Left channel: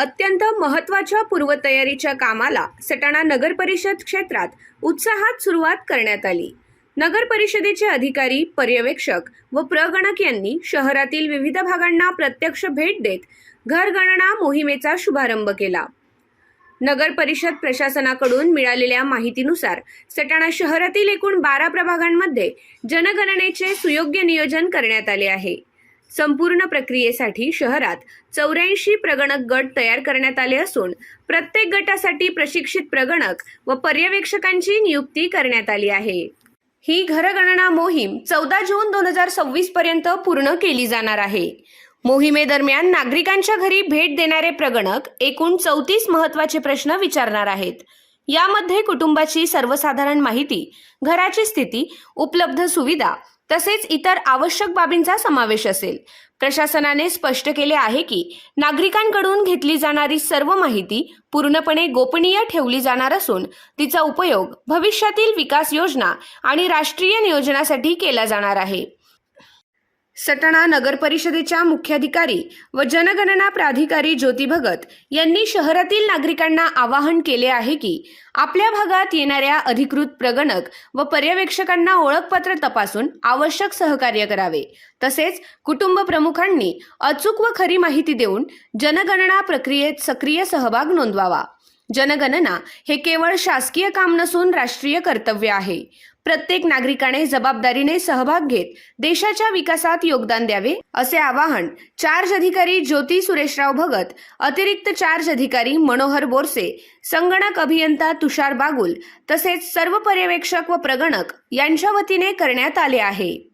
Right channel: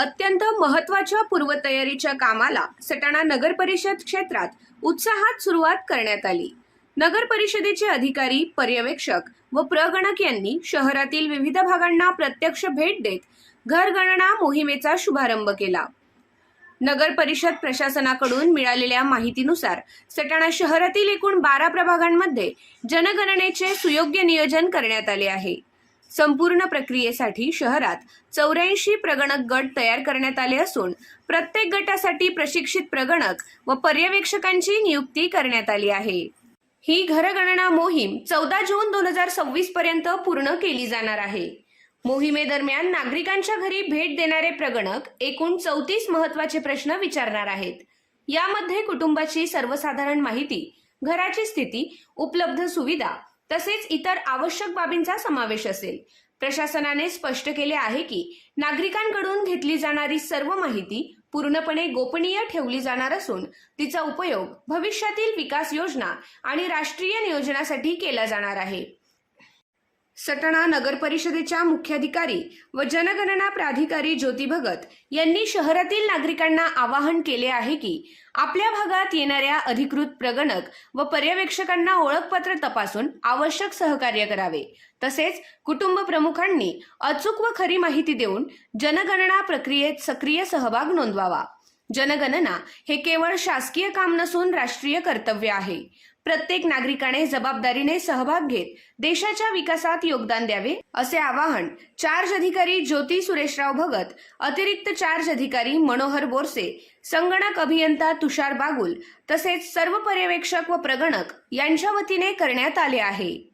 अत्यंत महत्त्वाच्या पूर्वतयारीच्या कामाला सटाणा नगर परिषद क्षेत्रात उत्साहात सुरुवात करण्यात आली। नगर परिषदेचे अधिकारी, पर्यवेक्षक व प्रगणक यांनी शहरातील विविध भागांना प्रत्यक्ष भेट देत घरगणना मोहिमेचा शुभारंभ केला। नगर परिषद प्रशासनाकडून मिळालेल्या माहितीनुसार सटाणा शहरातील एकूण 12 प्रभागांमध्ये जनगणनेचे सुयोग्य नियोजन करण्यात आले आहे। संपूर्ण प्रक्रियेसाठी शहरात 84 प्रगणक गट तयार करण्यात आले असून प्रत्येक गटासाठी प्रशिक्षित प्रगणक व पर्यवेक्षकांची नियुक्ती करण्यात आली आहे। ही घरगणना मोहीम 14 जून 2026 पर्यंत पूर्ण केली जाणार आहे। मोहिमेदरम्यान नागरिकांच्या घरी भेट देणारे प्रगणक एकूण 34 महत्त्वाचे प्रश्न विचारणार आहेत। यामध्ये कुटुंबाची सर्वसाधारण माहिती, घराची स्थिती, उपलब्ध सुविधा तसेच इतर आवश्यक बाबींचा समावेश असेल। प्रशासनाने स्पष्ट केले आहे की नागरिकांकडून घेतली जाणारी सर्व माहिती पूर्णपणे गोपनीय ठेवली जाणार असून तिचा उपयोग भविष्यातील विकास योजना आणि राष्ट्रीय नियोजनासाठी केला जाणार आहे। सटाणा नगर परिषदेच्या मुख्याधिकारी व जनगणना प्राधिकारी ज्योती भगत यांनी शहरातील नागरिकांना आवाहन केले आहे की आपल्या भागात येणाऱ्या अधिकृत प्रगणक व पर्यवेक्षकांना ओळखपत्र तपासून आवश्यक सहकार्य करावे। तसेच कुटुंब प्रमुखांनी अचूक व खरी माहिती देऊन जनगणना प्रक्रियेत सक्रिय सहभाग नोंदवावा। जनगणना हे केवळ शासकीय काम नसून राष्ट्रीय कर्तव्य आहे। प्रत्येक नागरिकाने जबाबदारीने सहभाग घेत देशाच्या विकासात योगदान द्यावे, असे आवाहन चार्ज अधिकारी ज्योती सुरेशराव भगत, अतिरिक्त चार्ज अधिकारी मनोहर बोरसे, संगणक अभियंता तुषार बागुल तसेच सर्व पर्यवेक्षक व प्रगणक यांच्या वतीने करण्यात आले आहे।